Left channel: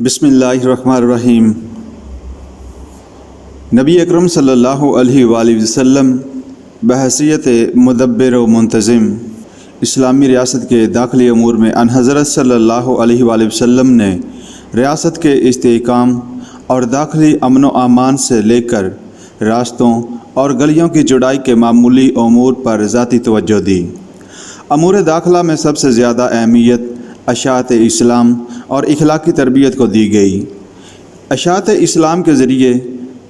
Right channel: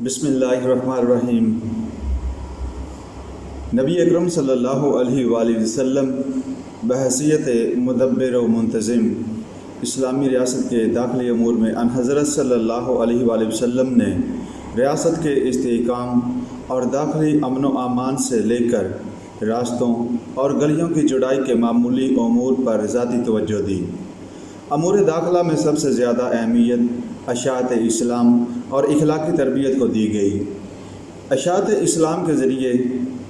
بسم اللہ الرحمن الرحیم۔ نبی اکرم صلی اللہ علیہ وآلہ وسلم بحیثیت مدبر و منتظم اسلامی ریاست کے داخلی امور میں ان حضرت صلی اللہ علیہ وآلہ وسلم نے ریاست کے استحکام اور داخلی امن و امان سے لے کر راستوں اور گلیوں کی چوڑائی کے معمولی امور پر ذاتی توجہ دی۔ امور داخلہ میں سب سے زیادہ اہمیت اشاعت اسلام اور اخلاقی تربیت کو دی گئی۔ اشاعت اسلام کے ذریعے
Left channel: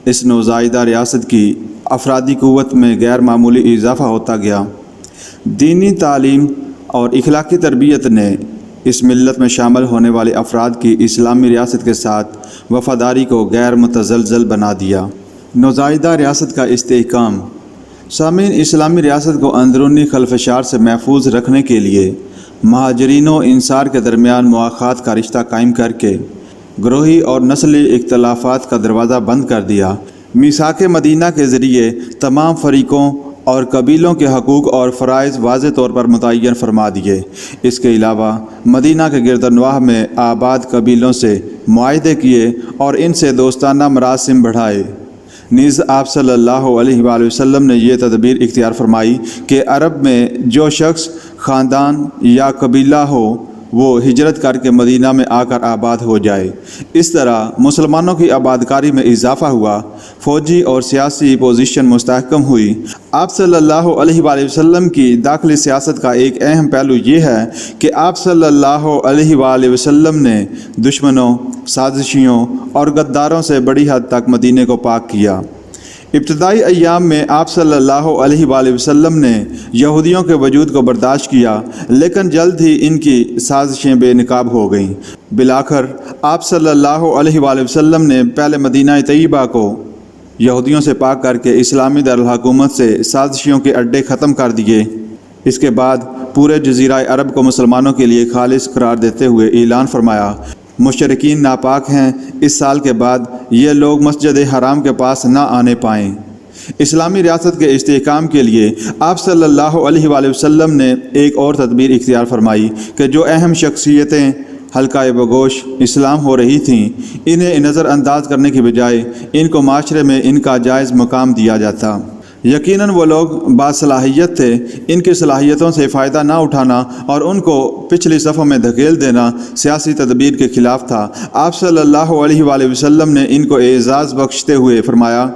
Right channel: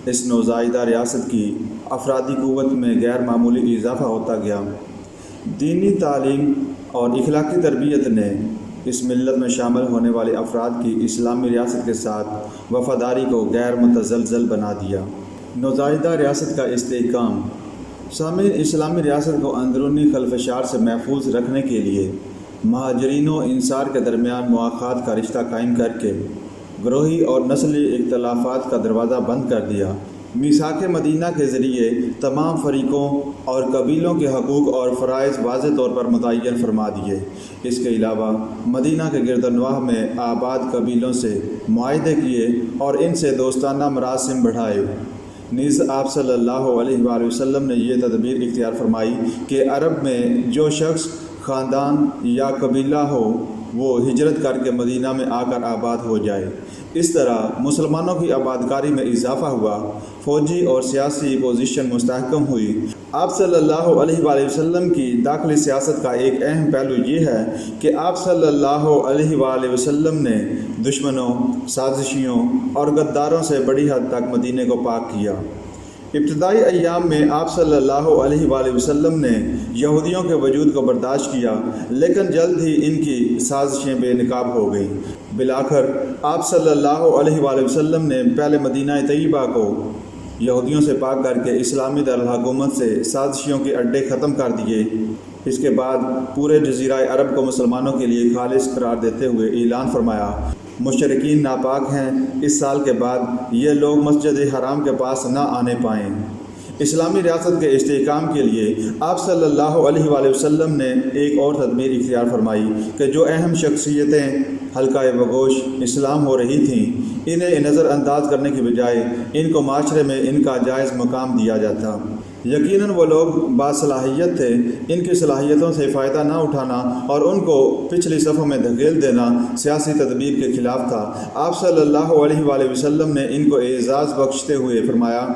اس نوزائیدہ ریاست کی افرادی قوت میں غیر معمولی اضافہ ہوتا گیا۔ دینی تعلیم اور اخلاقی تربیت نے اس ملت میں شامل ہونے والے افراد کی اسلامی ریاست کے ساتھ وفاداری کو غیر متزلزل بنا دیا۔ نوزائیدہ ریاست کا استحکام۔ سامعین، اسلامی ریاست کو اندرونی خلفشار سے محفوظ رکھنے کے لیے مہاجرین و انصار کے درمیان مواخات کا رشتہ قائم کر کے گروہی اور نسلی اختلافات کا دروازہ بند کر دیا۔ میثاق مدینہ کے ذریعے تمام فریقوں اور قبیلوں کے حقوق اور فرائض واضح طور پر متعین فرما دیے۔ اس کے علاوہ مدینہ کے گردنواح میں آباد قبیلوں سے معاہدے کیے اور ان سے دوستانہ مراسم بڑھائے۔ نیز آپ صلی اللہ علیہ وآلہ وسلم نے یہ تدبیر اختیار فرمائی کہ عرب میں جو شخص خاندان یا قبیلہ ہو وہ ہجرت کر کے مدینہ میں آ کر آباد ہو جائے۔ اس طرح مسلمانوں کی آبادکاری میں اضافہ ہوا، فوجی اور سیاسی پوزیشن مستحکم ہوئی۔ آپ صلی اللہ علیہ وآلہ وسلم کی داخلی سیاست کا ایک اہم پہلو یہ ہے کہ آپ صلی اللہ علیہ وآلہ وسلم نے دشمنوں، سازشیوں اور غداروں سے بڑی حد تک مدینے کو پاک کیا۔ ابتدائی ایام میں آپ صلی اللہ علیہ وآلہ وسلم نے یہودیوں کے وجود کو برداشت کیا، لیکن جلد ہی ان کی سازشیں بے نقاب ہو گئیں۔ بالآخر آپ صلی اللہ علیہ وآلہ وسلم نے پہلے مدینہ طیبہ کو یہودیوں سے پاک کر کے اسلامی دارالحکومت سے سازشیوں کے اڈے ختم کر دیے۔ اس کے بعد پورے جزیرہ عرب کو مسلمانوں کے لیے خالص قرار دیتے ہوئے اعلان فرمایا، مشرکین ناپاک ہیں، اس سال کے بعد یہ لوگ مسجد حرام کے پاس نہ آنے پائیں۔ اسلامی ریاست کے استحکام کے لیے آپ صلی اللہ علیہ وآلہ وسلم نے ایک اور تدبیر اختیار فرمائی کہ جو اہم شخصیتیں حلقۂ بگوش اسلام ہو رہی تھیں، انہیں نظر انداز کرنے کی بجائے ان کو معاشرے میں ان کا جائز مقام دیا جاتا۔ یقیناً وہ لوگ باصلاحیت تھے، ان کی صلاحیتوں سے فائدہ نہ اٹھانا اور ان کو پچھلی صفوں میں دھکیل دینا سیاسی تدبیر کے خلاف تھا۔ آپ صلی اللہ علیہ وآلہ وسلم نے ان کو اعزاز بخشتے ہوئے فرمایا،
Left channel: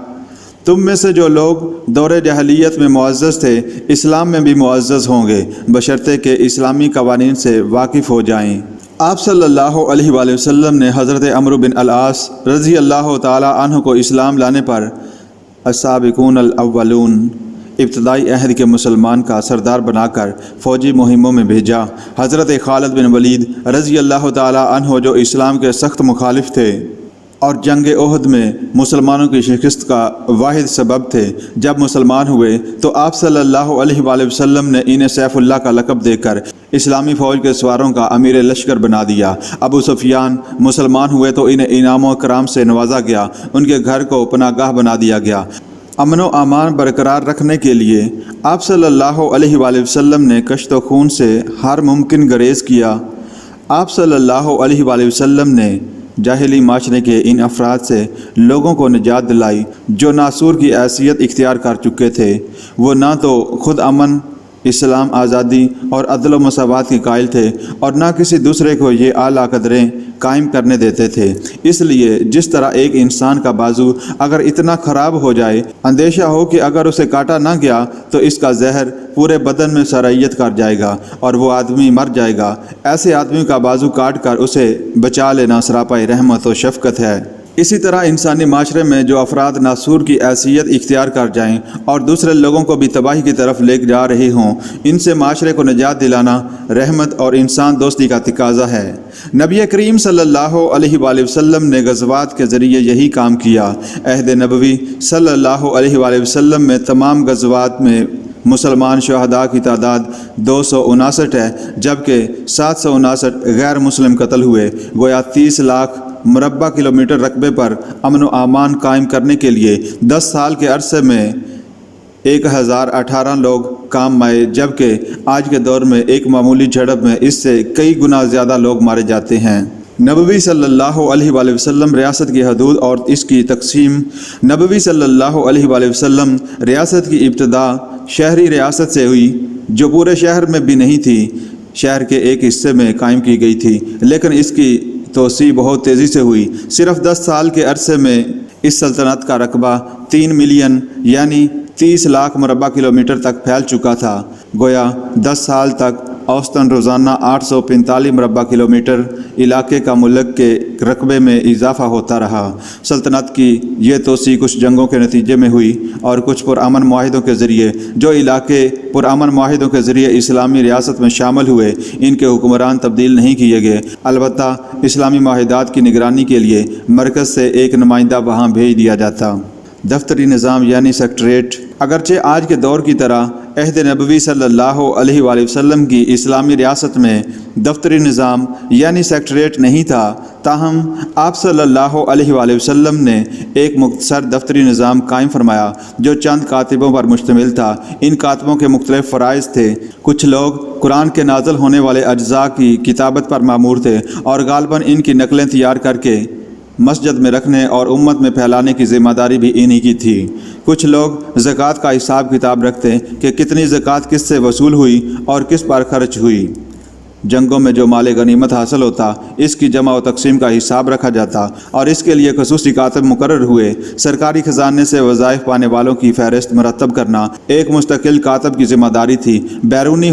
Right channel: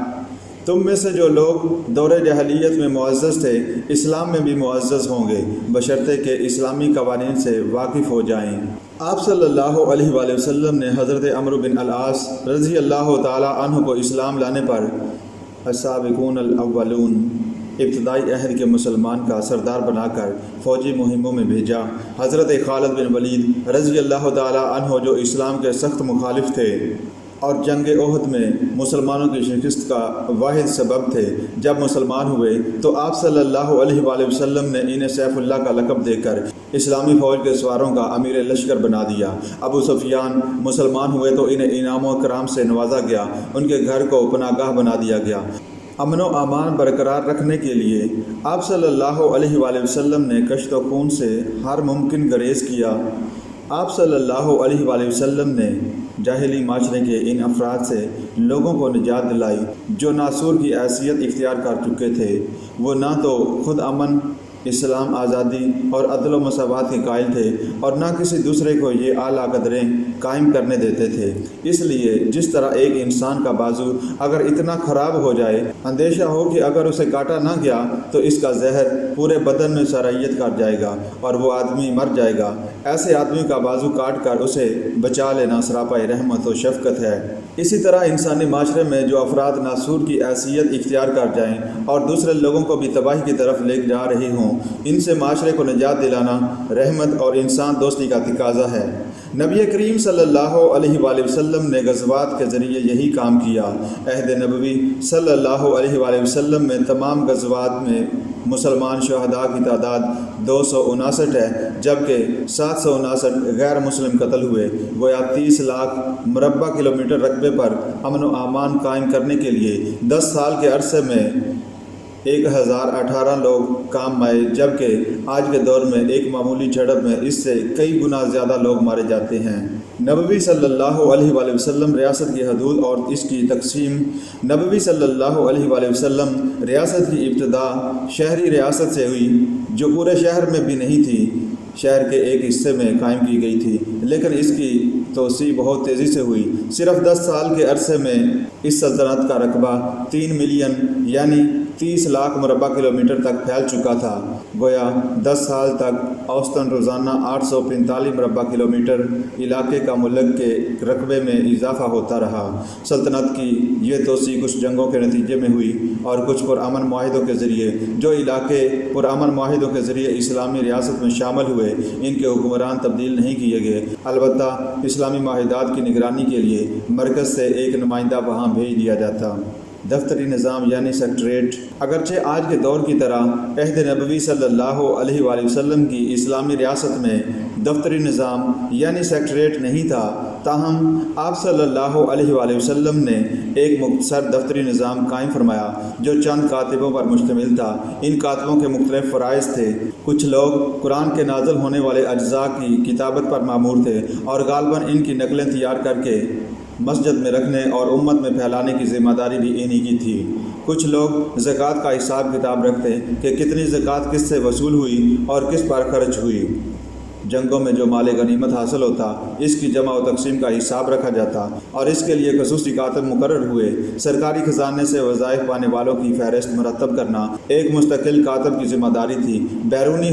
تم میں سے جو لوگ دور جاہلیت میں معزز تھے اسلام میں بھی معزز ہوں گے، بشرطے کہ اسلامی قوانین سے واقف ہو جائیں۔ آپ صلی اللہ علیہ وآلہ وسلم نے حضرت عمرو بن العاص رضی اللہ تعالی عنہ کو اسلام لانے پر السابقون الاولون ابتدائی عہد کے مسلمان کا سردار بنا کر فوجی مہموں میں بھیجا۔ حضرت خالد بن ولید رضی اللہ تعالی عنہ جو اسلام کے سخت مخالف تھے اور جنگ احد میں مسلمانوں کی شکست کا واحد سبب تھے، جب مسلمان ہوئے تو آپ صلی اللہ علیہ وآلہ وسلم نے انہیں سیف اللہ کا لقب دے کر اسلامی فوج کے سواروں کا امیر لشکر بنا دیا۔ ابو سفیان مسلمان ہوئے تو انہیں انعام و اکرام سے نوازا گیا، ان کے گھر کو پناہ گاہ بنا دیا گیا۔ امن و امان برقرار رکھنے کے لیے آپ صلی اللہ علیہ وآلہ وسلم نے کشت و خون سے ہر ممکن گریز کیا۔ آپ صلی اللہ علیہ وآلہ وسلم نے جاہلی معاشرے کے ان افراد سے لوگوں کو نجات دلائی جو ناسور کی حیثیت اختیار کر چکے تھے۔ وہ نہ تو خود امن، اسلام، آزادی اور عدل و مساوات کے قائل تھے اور نہ کسی دوسرے کو یہ اعلیٰ قدریں قائم کرنے دیتے تھے۔ اس لیے جس طرح ایک انسان کا بازو اگر اتنا خراب ہو جائے، اندیشہ ہو کہ اگر اسے کاٹا نہ گیا تو اس کا زہر پورے بدن میں سرائیت کر جائے گا اور وہ آدمی مر جائے گا، ایسے آدمی کا بازو کاٹ کر اسے بچا لینا سراپا رحمت و شفقت ہے۔ اسی طرح انسانی معاشرے میں جو افراد ناسور کی حیثیت اختیار کر جائیں اور دوسرے لوگوں کو بھی تباہی کی طرف لے جا رہے ہوں، ان سے معاشرے کو نجات دلانا رحمت اور انسان دوستی کا تقاضا ہے۔ نبی کریم صلی اللہ علیہ وآلہ وسلم نے غزوات کے ذریعے یہی کام کیا۔ عہد نبوی صلی اللہ علیہ وآلہ وسلم میں تمام غزوات میں مسلمان شہداء کی تعداد 259 ہے، جبکہ 759 غیر مسلم قتل ہوئے۔ گویا 30 لاکھ مربع کلومیٹر رقبے پر امن و امان قائم کرنے کے لیے 10 سال کے عرصے میں 1018 لوگ کام میں آئے، جبکہ آج کے دور میں ایک معمولی جھڑپ میں اس سے کئی گنا زیادہ لوگ مارے جاتے ہیں۔ نبوی صلی اللہ علیہ وآلہ وسلم ریاست کی حدود اور اس کی تقسیم۔ نبوی صلی اللہ علیہ وآلہ وسلم ریاست کی ابتدا شہری ریاست سے ہوئی، جو پورے شہر میں بھی نہیں تھی، شہر کے ایک حصے میں قائم کی گئی تھی، لیکن اس کی توسیع بہت تیزی سے ہوئی۔ صرف 10 سال کے عرصے میں اس سلطنت کا رقبہ 3 ملین یعنی 30 لاکھ مربع کلومیٹر تک پھیل چکا تھا۔ گویا 10 سال تک اوسطاً روزانہ 845 مربع کلومیٹر علاقے کا ملک کے رقبے میں اضافہ ہوتا رہا۔ سلطنت کی یہ توسیع کچھ جنگوں کے نتیجے میں ہوئی اور کچھ پرامن معاہدوں کے ذریعے۔ جو علاقے پرامن معاہدوں کے ذریعے اسلامی ریاست میں شامل ہوئے، ان کے حکمران تبدیل نہیں کیے گئے، البتہ اسلامی معاہدات کی نگرانی کے لیے مرکز سے ایک نمائندہ وہاں بھیج دیا جاتا۔ دفتری نظام یعنی سیکٹریٹ۔ اگرچہ آج کے دور کی طرح عہد نبوی صلی اللہ علیہ وآلہ وسلم کی اسلامی ریاست میں دفتری نظام یعنی سیکٹریٹ نہیں تھا، تاہم آپ صلی اللہ علیہ وآلہ وسلم نے ایک مختصر دفتری نظام قائم فرمایا جو چند کاتبوں پر مشتمل تھا۔ ان کاتبوں کے مختلف فرائض تھے۔ کچھ لوگ قرآن کے نازل ہونے والے اجزاء کی کتابت پر مامور تھے اور غالباً ان کی نقلیں تیار کر کے مسجد میں رکھنے اور امت میں پھیلانے کی ذمہ داری بھی انہی کی تھی۔ کچھ لوگ زکوٰۃ کا حساب کتاب رکھتے کہ کتنی زکوٰۃ کس سے وصول ہوئی اور کس پر خرچ ہوئی۔ جنگوں میں جو مال غنیمت حاصل ہوتا، اس کی جمع و تقسیم کا حساب رکھا جاتا اور اس کے لیے خصوصی کاتب مقرر ہوئے۔ سرکاری خزانے سے وظائف پانے والوں کی فہرست مرتب کرنا ایک مستقل کاتب کی ذمہ داری تھی۔ بیرونی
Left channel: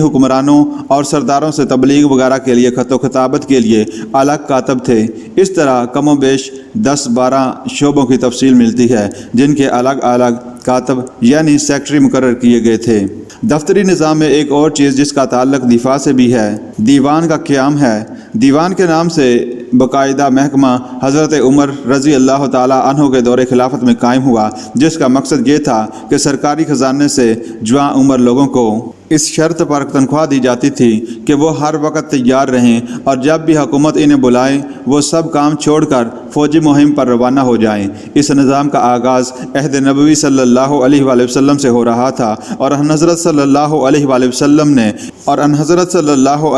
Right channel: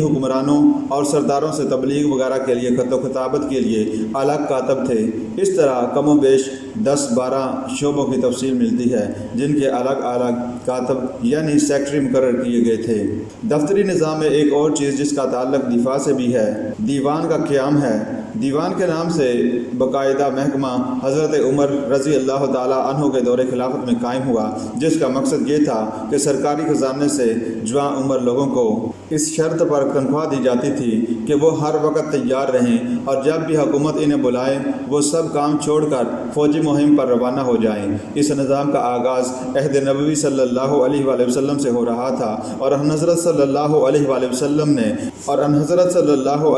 حکمرانوں اور سرداروں سے تبلیغ وغیرہ کے لیے خط و خطابت کے لیے الگ کاتب تھے۔ اس طرح کم و بیش 10-12 شعبوں کی تفصیل ملتی ہے جن کے الگ الگ کاتب یعنی سیکٹری مقرر کیے گئے تھے۔ دفتری نظام میں ایک اور چیز جس کا تعلق دفاع سے بھی ہے، دیوان کا قیام ہے۔ دیوان کے نام سے باقاعدہ محکمہ حضرت عمر رضی اللہ تعالیٰ عنہ کے دور خلافت میں قائم ہوا، جس کا مقصد یہ تھا کہ سرکاری خزانے سے جواں عمر لوگوں کو اس شرط پر تنخواہ دی جاتی تھی کہ وہ ہر وقت تیار رہیں اور جب بھی حکومت انہیں بلائے وہ سب کام چھوڑ کر فوجی مہم پر روانہ ہو جائیں۔ اس نظام کا آغاز عہد نبوی صلی اللہ علیہ وآلہ وسلم سے ہو رہا تھا اور حضرت صلی اللہ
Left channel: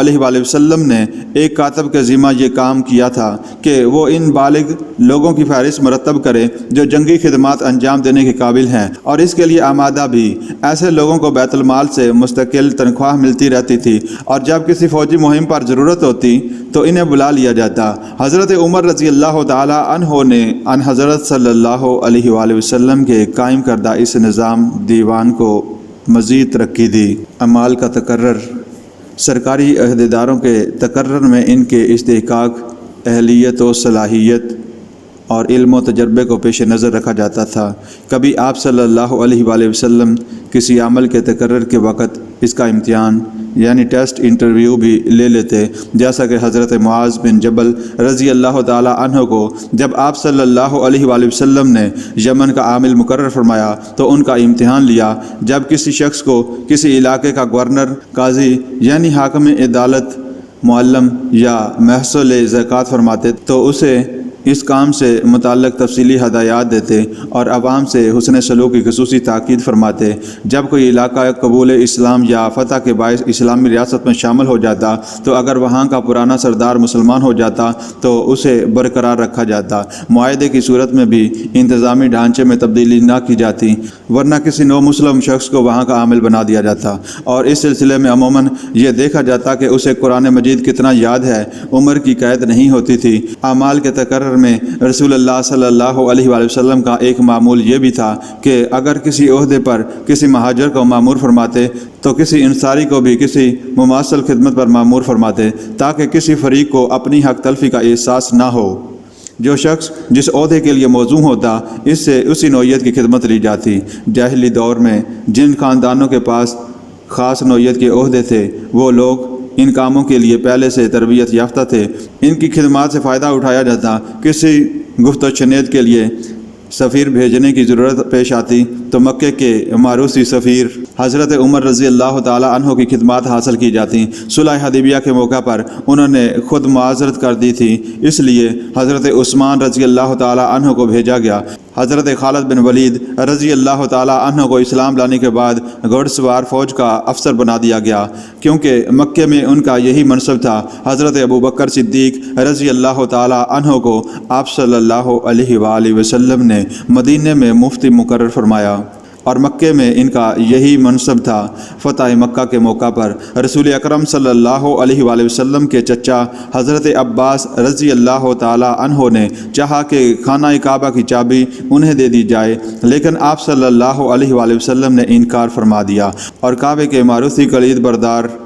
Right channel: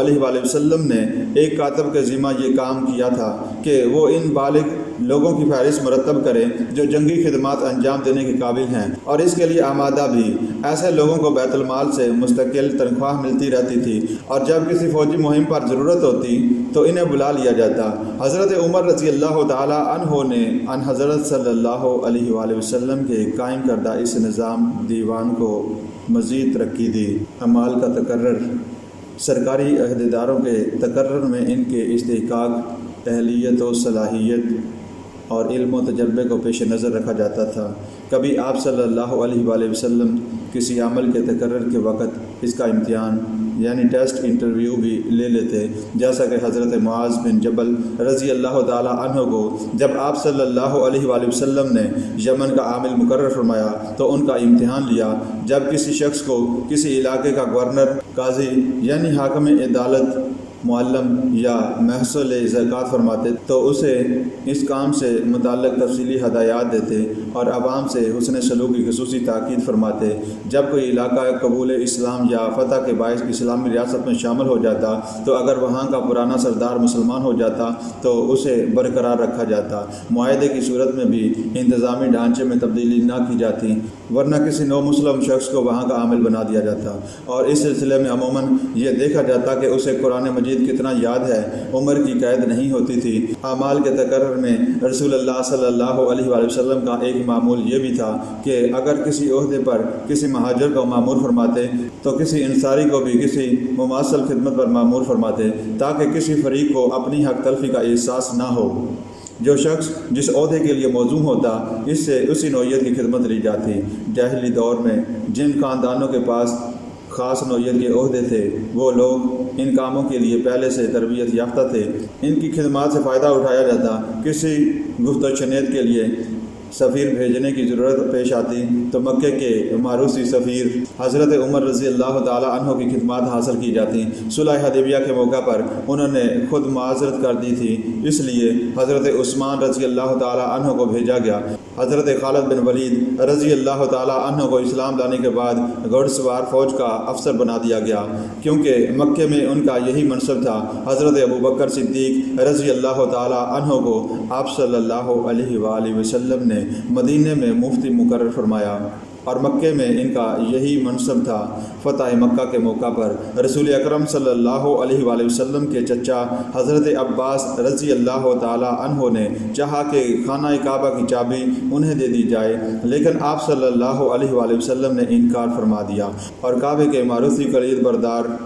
علیہ وآلہ وسلم نے ایک کاتب کے ذمہ یہ کام کیا تھا کہ وہ ان بالغ لوگوں کی فہرست مرتب کرے جو جنگی خدمات انجام دینے کے قابل ہیں اور اس کے لیے آمادہ بھی۔ ایسے لوگوں کو بیت المال سے مستقل تنخواہ ملتی رہتی تھی اور جب کسی فوجی مہم پر ضرورت ہوتی تو انہیں بلا لیا جاتا۔ حضرت عمر رضی اللہ تعالیٰ عنہ نے ان حضرت صلی اللہ علیہ وآلہ وسلم کے قائم کردہ اس نظام دیوان کو مزید ترقی دی۔ اعمال کا تقرر۔ سرکاری عہدیداروں کے تقرر میں ان کے استحقاق، اہلیت و صلاحیت اور علم و تجربے کو پیش نظر رکھا جاتا تھا۔ کبھی آپ صلی اللہ علیہ وآلہ وسلم کسی عمل کے تقرر کے وقت اس کا امتحان یعنی ٹیسٹ انٹرویو بھی لے لیتے، جیسا کہ حضرت معاذ بن جبل رضی اللہ تعالیٰ عنہ کو جب آپ صلی اللہ علیہ وآلہ وسلم نے یمن کا عامل مقرر فرمایا تو ان کا امتحان لیا۔ جب کسی شخص کو کسی علاقے کا گورنر، قاضی یعنی حاکم عدالت، معلم یا محصول زکوٰۃ فرماتے تو اسے اس کام سے متعلق تفصیلی ہدایات دیتے اور عوام سے حسن سلوک کی خصوصی تاکید فرماتے۔ جب کوئی علاقہ قبول اسلام یا فتح کے باعث اسلامی ریاست میں شامل ہو جاتا تو اگر وہاں کا پرانا سردار مسلمان ہو جاتا تو اسے برقرار رکھا جاتا، معاہدے کی صورت میں بھی انتظامی ڈھانچے میں تبدیلی نہ کی جاتی، ورنہ کسی نو مسلم شخص کو وہاں کا عامل بنا دیا جاتا، اور اس سلسلے میں عموماً یہ دیکھا جاتا کہ اسے قرآن مجید کتنا یاد ہے۔ عمر کی قید نہیں ہوتی تھی۔ اعمال کے تقرر میں رسول اللہ صلی اللہ علیہ وآلہ وسلم کا ایک معمول یہ بھی تھا کہ اگر کسی عہدے پر کسی مہاجر کو مامور فرماتے تو کسی انصاری کو بھی کسی مماثل خدمت پر مامور فرماتے تاکہ کسی فریق کو اپنی حق تلفی کا احساس نہ ہو۔ جو شخص جس عہدے کے لیے موزوں ہوتا اس سے اسی نوعیت کی خدمت لی جاتی۔ جاہلی دور میں جن خاندانوں کے پاس خاص نوعیت کے عہدے تھے وہ لوگ ان کاموں کے لیے پہلے سے تربیت یافتہ تھے، ان کی خدمات سے فائدہ اٹھایا جاتا۔ کسی گفت و شنید کے لیے سفیر بھیجنے کی ضرورت پیش آتی تو مکے کے معروسی سفیر حضرت عمر رضی اللہ تعالیٰ عنہ کی خدمات حاصل کی جاتی۔ صلح حدیبیہ کے موقع پر انہوں نے خود معذرت کر دی تھی، اس لیے حضرت عثمان رضی اللہ تعالیٰ عنہ کو بھیجا گیا۔ حضرت خالد بن ولید رضی اللہ تعالیٰ عنہ کو اسلام لانے کے بعد گھوڑ سوار فوج کا افسر بنا دیا گیا، کیونکہ مکے میں ان کا یہی منصب تھا۔ حضرت ابوبکر صدیق رضی اللہ تعالیٰ عنہ کو آپ صلی اللہ علیہ وآلہ وسلم نے مدینے میں مفتی مقرر فرمایا اور مکے میں ان کا یہی منصب تھا۔ فتح مکہ کے موقع پر رسول اکرم صلی اللہ علیہ وآلہ وسلم کے چچا حضرت عباس رضی اللہ تعالیٰ عنہ نے چاہا کہ خانہ کعبہ کی چابی انہیں دے دی جائے، لیکن آپ صلی اللہ علیہ وآلہ وسلم نے انکار فرما دیا اور کعبے کے معروسی کلید بردار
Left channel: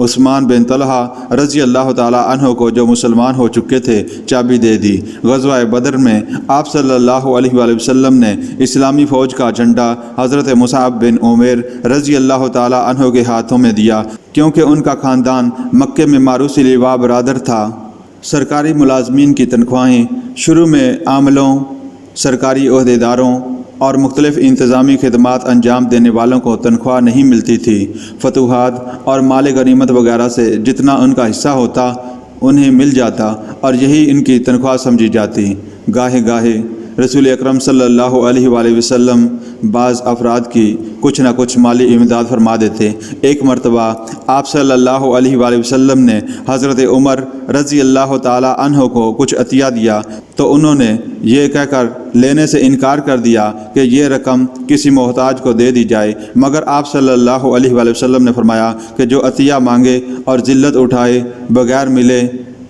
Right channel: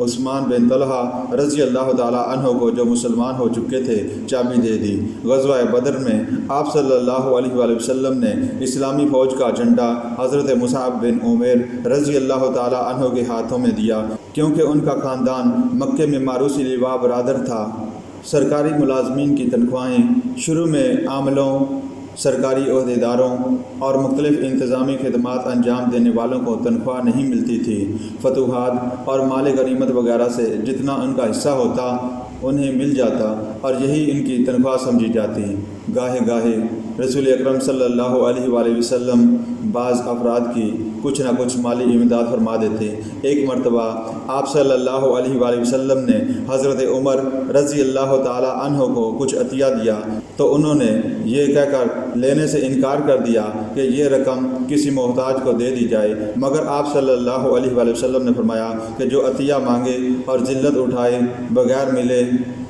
عثمان بن طلحہ رضی اللہ تعالیٰ عنہ کو، جو مسلمان ہو چکے تھے، چابی دے دی۔ غزوہ بدر میں آپ صلی اللہ علیہ وآلہ وسلم نے اسلامی فوج کا جھنڈا حضرت مصعب بن عمیر رضی اللہ تعالیٰ عنہ کے ہاتھوں میں دیا، کیونکہ ان کا خاندان مکے میں معروسی لواء برادر تھا۔ سرکاری ملازمین کی تنخواہیں شروع میں عاملوں، سرکاری عہدیداروں اور مختلف انتظامی خدمات انجام دینے والوں کو تنخواہ نہیں ملتی تھی۔ فتوحات اور مال غنیمت وغیرہ سے جتنا ان کا حصہ ہوتا انہیں مل جاتا اور یہی ان کی تنخواہ سمجھی جاتی۔ گاہے گاہے رسول اکرم صلی اللہ علیہ وآلہ وسلم بعض افراد کی کچھ نہ کچھ مالی امداد فرما دیتے۔ ایک مرتبہ آپ صلی اللہ علیہ وآلہ وسلم نے حضرت عمر رضی اللہ تعالیٰ عنہ کو کچھ عطیہ دیا تو انہوں نے یہ کہہ کر لینے سے انکار کر دیا کہ یہ رقم کسی محتاج کو دے دی جائے، مگر آپ صلی اللہ علیہ وآلہ وسلم نے فرمایا کہ جو عطیہ مانگے اور ذلت اٹھائے بغیر ملے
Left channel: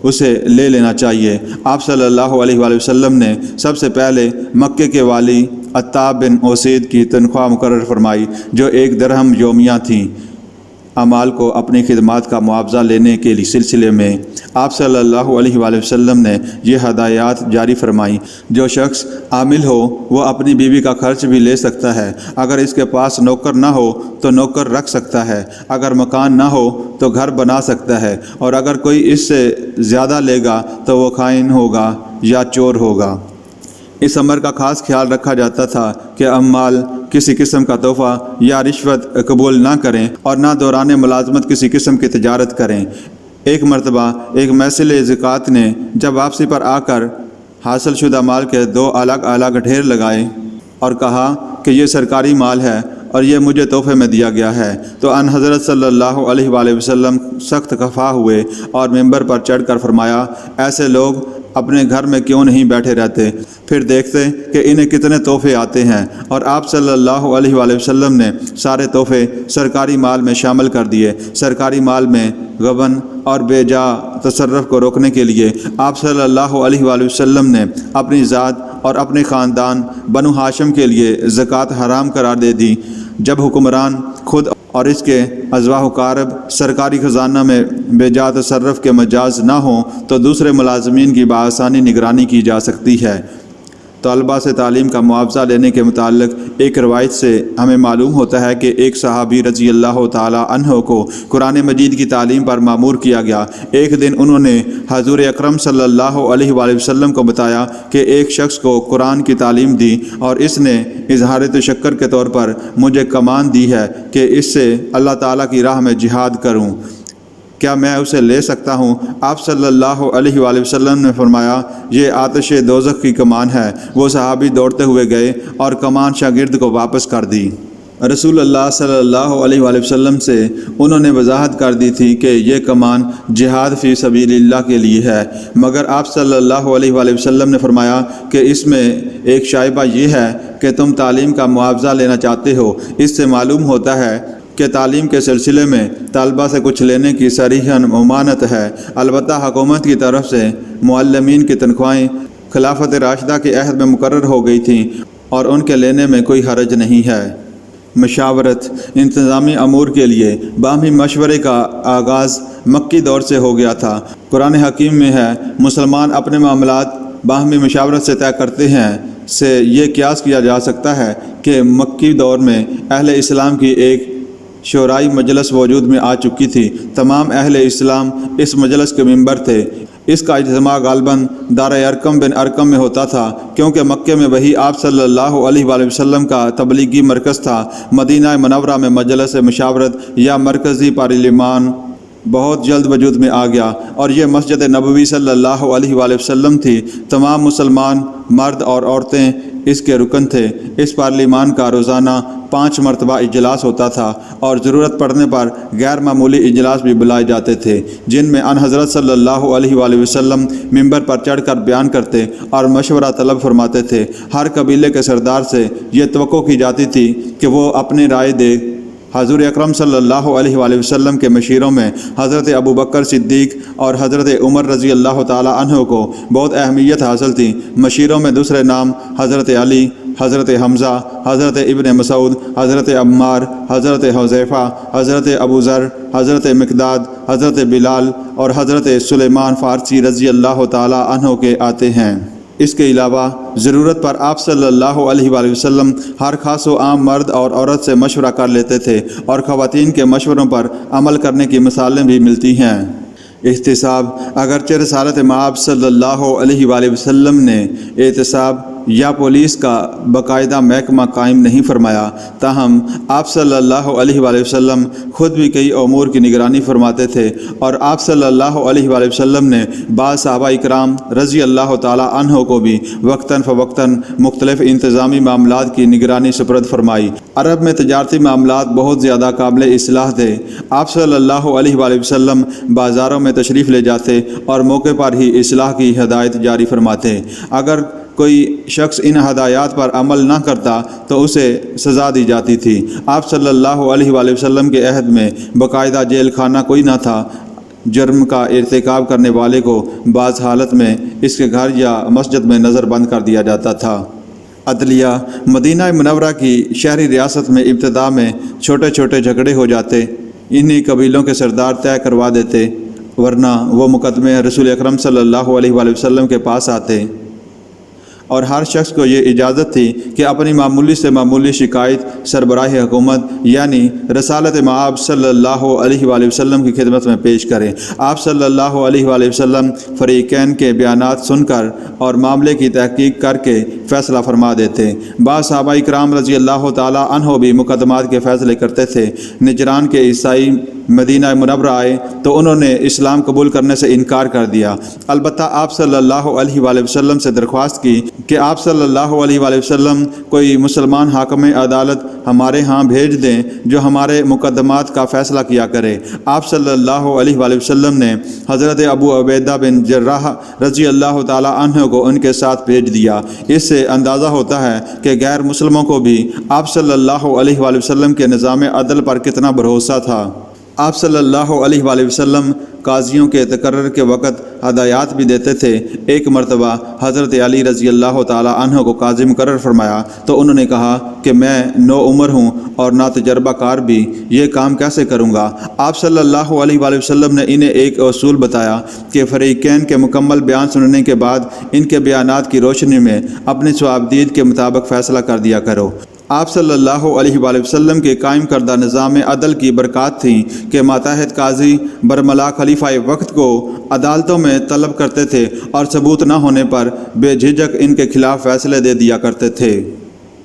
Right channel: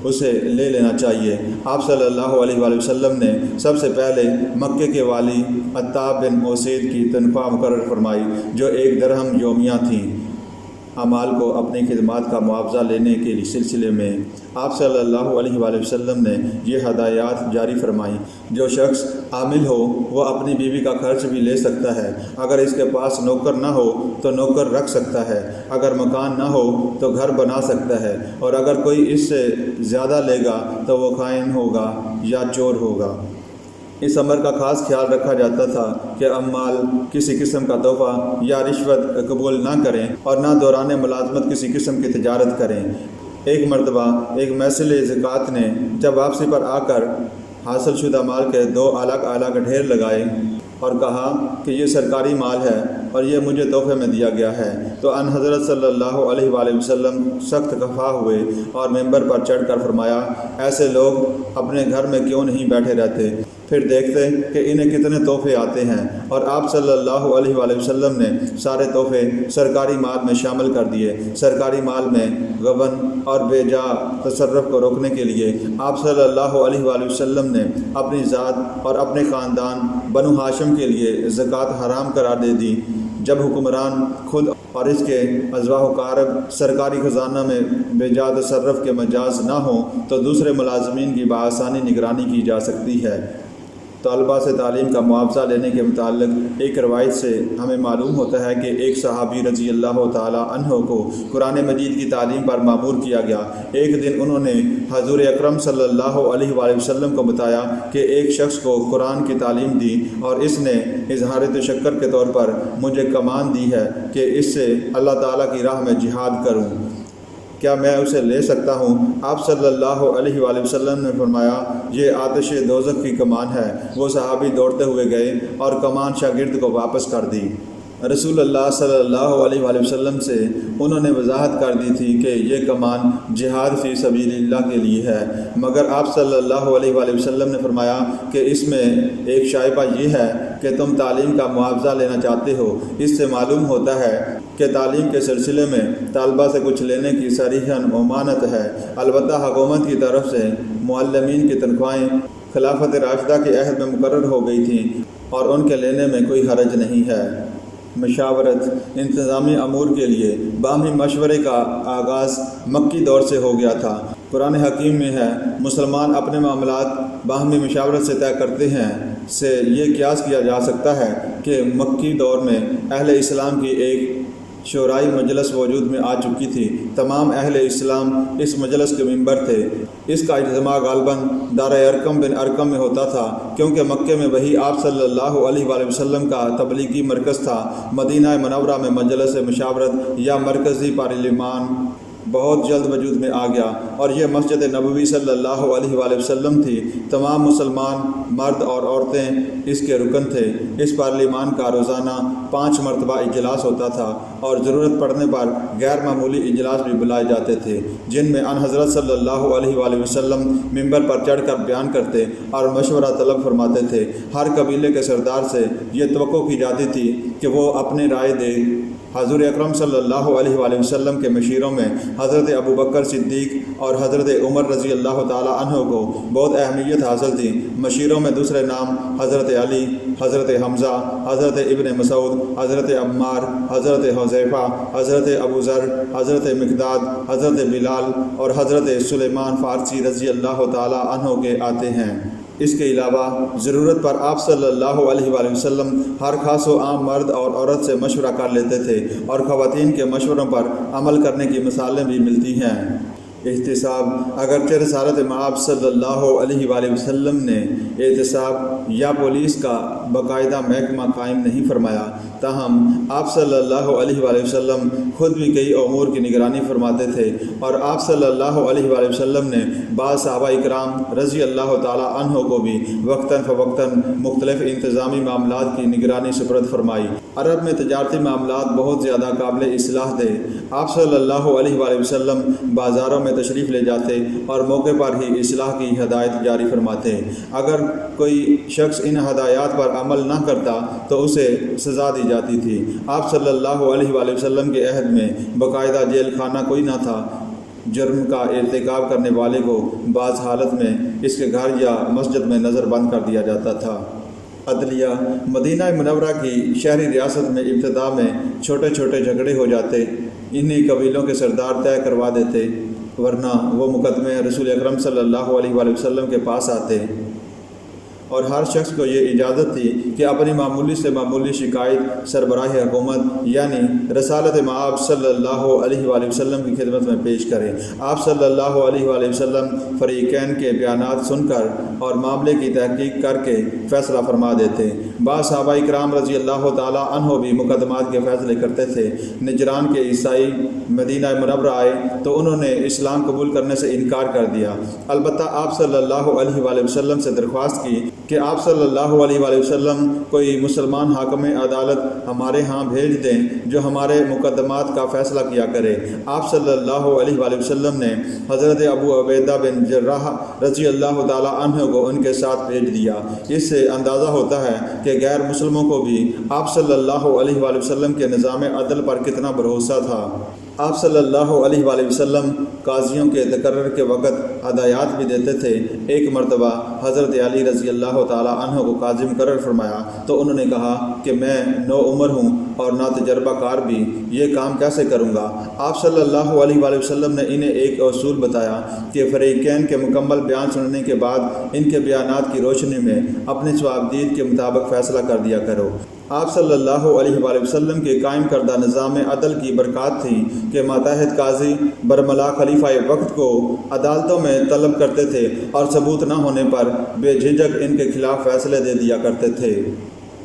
اسے لے لینا چاہیے۔ آپ صلی اللہ علیہ وآلہ وسلم نے سب سے پہلے مکے کے والی عطاب بن اسید کی تنخواہ مقرر فرمائی، جو 1 درہم یومیہ تھیں۔ اعمال کو اپنی خدمات کا معاوضہ لینے کے سلسلے میں آپ صلی اللہ علیہ وآلہ وسلم نے یہ ہدایات جاری فرمائیں۔ جو شخص عامل ہو وہ اپنی بیوی کا خرچ بھی لے سکتا ہے، اگر اس کے پاس نوکر نہ ہو تو نوکر رکھ سکتا ہے، اگر مکان نہ ہو تو گھر بنا سکتا ہے، اور اگر کوئی اس سے زیادہ لے گا تو وہ خائن ہوگا یا چور ہوگا۔ اس امر کا خاص خیال رکھا جاتا تھا کہ عمال کسی قسم کا تحفہ یا رشوت قبول نہ کریں اور نہ دوران ملازمت کسی قسم کی تجارت کریں۔ ایک مرتبہ ایک محصل زکوٰۃ نے جب واپسی پر آ کر حاصل شدہ مال کے 2 الگ الگ ڈھیر لگائے اور کہا کہ یہ سرکاری مال ہے اور یہ مجھے تحفے میں دیا گیا ہے، تو ان حضرت صلی اللہ علیہ وآلہ وسلم سخت خفا ہوئے اور ممبر پر چڑھ کر فرمایا، ایسے لوگ اپنے گھر میں کیوں نہیں بیٹھے رہتے، پھر دیکھتے کہ انہیں کتنے تحفے آتے ہیں۔ اور آپ صلی اللہ علیہ وآلہ وسلم نے سارے تحفے سرکاری مال میں شامل کر دیے۔ سرکاری مال میں غبن اور بے جا تصرف کو روکنے کے لیے آپ صلی اللہ علیہ وآلہ وسلم نے اپنی ذات اور اپنے خاندان بنو ہاشم کے لیے زکوٰۃ حرام قرار دے دی۔ جب حکمران خود اور اس کے ازواہ و اقارب سرکاری خزانہ میں بے جا تصرف کے مجاز نہ ہوں تو دوسرے ملازمین کی بآسانی نگرانی کی جا سکتی ہے۔ طلباء سے تعلیم کا معاوضہ لینے کے متعلق ایک روایت سے ہمیں معلوم ہوتا ہے کہ ایک صحابی رضی اللہ تعالیٰ عنہ کو قرآن مجید کی تعلیم پر مامور کیا گیا۔ ایک دن انہوں نے حضور اکرم صلی اللہ علیہ وآلہ وسلم کو بتایا کہ ایک شخص کو قرآن کی تعلیم دی اور اس نے اظہار تشکر کے طور پر مجھے کمان دی ہے کہ اس سے اللہ تعالیٰ کی راہ میں جہاد کروں، کیا میں اسے لے سکتا ہوں؟ آپ صلی اللہ علیہ وآلہ وسلم نے فرمایا، یہ آتش دوزخ کی کمان ہے۔ وہ صحابی دوڑتے ہوئے گئے اور کمان شاگرد کو واپس کر دی۔ رسول اللہ صلی اللہ علیہ وآلہ وسلم سے انہوں نے وضاحت کر دی تھی کہ یہ کمان جہاد فی سبیل اللہ کے لیے ہے، مگر آپ صلی اللہ علیہ وآلہ وسلم نے فرمایا کہ اس میں ایک شائبہ یہ ہے کہ تم تعلیم کا معاوضہ لینا چاہتے ہو۔ اس سے معلوم ہوتا ہے کہ تعلیم کے سلسلے میں طلباء سے کچھ لینے کی صریحاً ممانعت ہے۔ البتہ حکومت کی طرف سے معلمین کی تنخواہیں خلافت راشدہ کے عہد میں مقرر ہو گئی تھیں اور ان کے لینے میں کوئی حرج نہیں ہے۔ مشاورت انتظامی امور کے لیے باہمی مشورے کا آغاز مکی دور سے ہو گیا تھا۔ قرآن حکیم میں ہے، مسلمان اپنے معاملات باہمی مشاورت سے طے کرتے ہیں۔ سے یہ قیاس کیا جا سکتا ہے کہ مکی دور میں اہل اسلام کی ایک شورائی مجلس وجود میں آ چکی تھی۔ تمام اہل اسلام اس مجلس کے ممبر تھے۔ اس کا اجتماع غالباً دار ارقم بن ارقم میں ہوتا تھا، کیونکہ مکے میں وہی آپ صلی اللہ علیہ وآلہ وسلم کا تبلیغی مرکز تھا۔ مدینہ منورہ میں مجلس مشاورت یا مرکزی پارلیمان بہت جلد وجود میں آ گیا، اور یہ مسجد نبوی صلی اللہ علیہ وآلہ وسلم تھی۔ تمام مسلمان مرد اور عورتیں اس کے رکن تھے۔ اس پارلیمان کا روزانہ 5 مرتبہ اجلاس ہوتا تھا، اور ضرورت پڑنے پر غیر معمولی اجلاس بھی بلائے جاتے تھے، جن میں ان حضرت صلی اللہ علیہ وآلہ وسلم ممبر پر چڑھ کر بیان کرتے اور مشورہ طلب فرماتے تھے۔ ہر قبیلے کے سردار سے یہ توقع کی جاتی تھی کہ وہ اپنی رائے دے۔ حضور اکرم صلی اللہ علیہ وآلہ وسلم کے مشیروں میں حضرت ابو بکر صدیق اور حضرت عمر رضی اللہ تعالیٰ عنہ کو بہت اہمیت حاصل تھی۔ مشیروں میں دوسرے نام حضرت علی، حضرت حمزہ، حضرت ابن مسعود، حضرت عمار، حضرت حذیفہ، حضرت ابو ذر، حضرت مقداد، حضرت بلال اور حضرت سلیمان فارسی رضی اللہ تعالیٰ عنہ کے آتے ہیں۔ اس کے علاوہ ضرورت پر آپ صلی اللہ علیہ وآلہ وسلم ہر خاص و عام مرد اور عورت سے مشورہ کر لیتے تھے، اور خواتین کے مشوروں پر عمل کرنے کی مثالیں بھی ملتی ہیں۔ احتساب: اگرچہ رسالت مآب صلی اللہ علیہ وآلہ وسلم نے احتساب یا پولیس کا باقاعدہ محکمہ قائم نہیں فرمایا، تاہم آپ صلی اللہ علیہ وآلہ وسلم خود بھی کئی امور کی نگرانی فرماتے تھے، اور آپ صلی اللہ علیہ وآلہ وسلم نے بعض صحابہ اکرام رضی اللہ تعالیٰ عنہ کو بھی وقتاً فوقتاً مختلف انتظامی معاملات کی نگرانی سپرد فرمائی۔ عرب میں تجارتی معاملات بہت زیادہ قابل اصلاح تھے۔ آپ صلی اللہ علیہ وآلہ وسلم بازاروں میں تشریف لے جاتے اور موقع پر ہی اصلاح کی ہدایت جاری فرماتے۔ اگر کوئی شخص ان ہدایات پر عمل نہ کرتا تو اسے سزا دی جاتی تھی۔ آپ صلی اللہ علیہ وآلہ وسلم کے عہد میں باقاعدہ جیل خانہ کوئی نہ تھا۔ جرم کا ارتکاب کرنے والے کو بعض حالت میں اس کے گھر یا مسجد میں نظر بند کر دیا جاتا تھا۔ عدلیہ: مدینہ منورہ کی شہری ریاست میں ابتدا میں چھوٹے چھوٹے جھگڑے ہو جاتے، انہی قبیلوں کے سردار طے کروا دیتے، ورنہ وہ مقدمے رسول اکرم صلی اللہ علیہ وآلہ وسلم کے پاس آتے، اور ہر شخص کو یہ اجازت تھی کہ اپنی معمولی سے معمولی شکایت سربراہ حکومت یعنی رسالت مآب صلی اللہ علیہ وآلہ وسلم کی خدمت میں پیش کرے۔ آپ صلی اللہ علیہ وآلہ وسلم فریقین کے بیانات سن کر اور معاملے کی تحقیق کر کے فیصلہ فرما دیتے۔ بعض صحابہ اکرام رضی اللہ تعالیٰ عنہ بھی مقدمات کے فیصلے کرتے تھے۔ نجران کے عیسائی مدینہ منورہ آئے تو انہوں نے اسلام قبول کرنے سے انکار کر دیا، البتہ آپ صلی اللہ علیہ وآلہ وسلم سے درخواست کی کہ آپ صلی اللہ علیہ وآلہ وسلم کوئی مسلمان حاکم عدالت ہمارے ہاں بھیج دیں جو ہمارے مقدمات کا فیصلہ کیا کرے۔ آپ صلی اللہ علیہ وآلہ وسلم نے حضرت ابو عبیدہ بن جراح رضی اللہ تعالیٰ عنہ کو ان کے ساتھ بھیج دیا۔ اس سے اندازہ ہوتا ہے کہ غیر مسلموں کو بھی آپ صلی اللہ علیہ وآلہ وسلم کے نظام عدل پر کتنا بھروسہ تھا۔ آپ صلی اللہ علیہ وآلہ وسلم قاضیوں کے تقرر کے وقت ہدایات بھی دیتے تھے۔ ایک مرتبہ حضرت علی رضی اللہ تعالیٰ عنہ کو قاضی مقرر فرمایا تو انہوں نے کہا کہ میں نو عمر ہوں اور نا تجربہ کار بھی، یہ کام کیسے کروں گا؟ آپ صلی اللہ علیہ وآلہ وسلم نے انہیں ایک اصول بتایا کہ فریقین کے مکمل بیان سننے کے بعد ان کے بیانات کی روشنی میں اپنی ثوابدید کے مطابق فیصلہ کر دیا کرو۔ آپ صلی اللہ علیہ وآلہ وسلم کے قائم کردہ نظام عدل کی برکات تھی کہ ماتحت قاضی برملا خلیفہ وقت کو عدالتوں میں طلب کرتے تھے اور ثبوت نہ ہونے پر بے جھجک ان کے خلاف فیصلے دے دیا کرتے تھے۔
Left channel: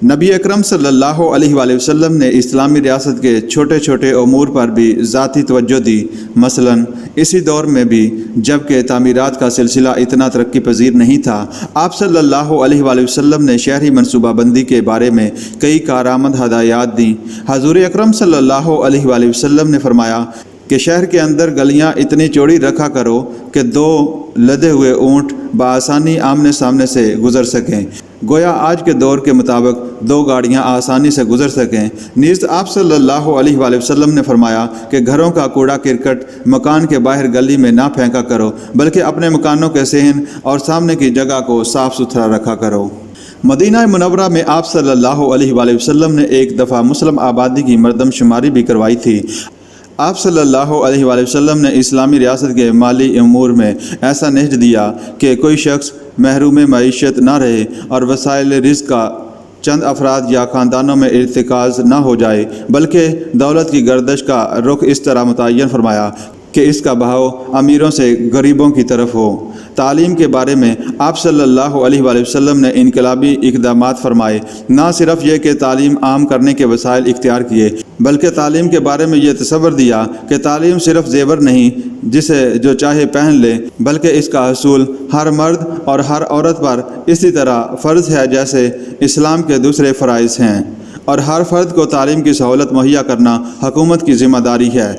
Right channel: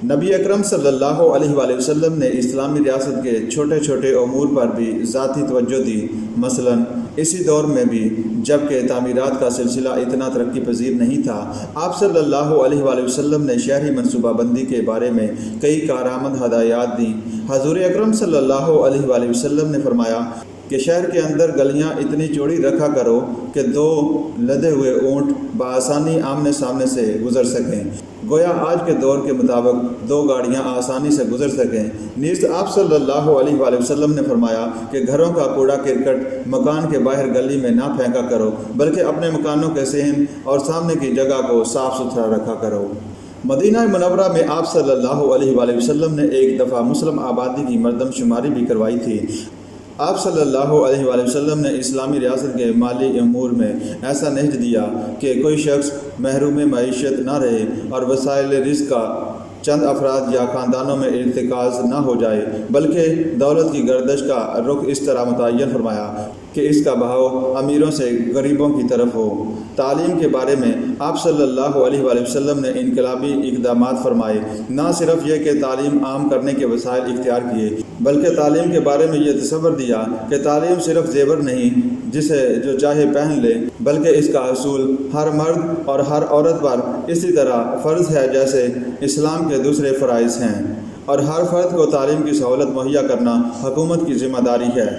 نبی اکرم صلی اللہ علیہ وآلہ وسلم نے اسلامی ریاست کے چھوٹے چھوٹے امور پر بھی ذاتی توجہ دی، مثلاً اسی دور میں بھی جب کہ تعمیرات کا سلسلہ اتنا ترقی پذیر نہیں تھا، آپ صلی اللہ علیہ وآلہ وسلم نے شہری منصوبہ بندی کے بارے میں کئی کارآمد ہدایات دیں۔ حضور اکرم صلی اللہ علیہ وآلہ وسلم نے فرمایا کہ شہر کے اندر گلیاں اتنی چوڑی رکھا کرو کہ 2 لدے ہوئے اونٹ بآسانی آمنے سامنے سے گزر سکیں، گویا آج کے دور کے مطابق 2 گاڑیاں آسانی سے گزر سکیں۔ نیز آپ صلی اللہ علیہ وآلہ وسلم نے فرمایا کہ گھروں کا کوڑا کرکٹ مکان کے باہر گلی میں نہ پھینکا کرو، بلکہ اپنے مکانوں کے صحن اور سامنے کی جگہ کو صاف ستھرا رکھا کرو۔ مدینہ منورہ میں آپ صلی اللہ علیہ وآلہ وسلم نے ایک دفعہ مسلم آبادی کی مردم شماری بھی کروائی تھی۔ آپ صلی اللہ علیہ وآلہ وسلم نے اسلامی ریاست کے مالی امور میں ایسا نہج دیا کہ کوئی شخص محروم معیشت نہ رہے اور وسائل رزق کا چند افراد یا خاندانوں میں ارتکاز نہ ہو جائے، بلکہ دولت کی گردش کا رخ اس طرح متعین فرمایا کہ اس کا بہاؤ امیروں سے غریبوں کی طرف ہو۔ تعلیم کے بارے میں آپ صلی اللہ علیہ وآلہ وسلم نے انقلابی اقدامات فرمائے۔ نہ صرف یہ کہ تعلیم عام کرنے کے وسائل اختیار کیے، بلکہ تعلیم کے بارے میں یہ تصور دیا کہ تعلیم صرف زیور نہیں جسے جو چاہے پہن لے، بلکہ اس کا حصول ہر مرد اور ہر عورت پر اسی طرح فرض ہے جیسے اسلام کے دوسرے فرائض ہیں، اور ہر فرد کو تعلیم کی سہولت مہیا کرنا حکومت کی ذمہ داری ہے۔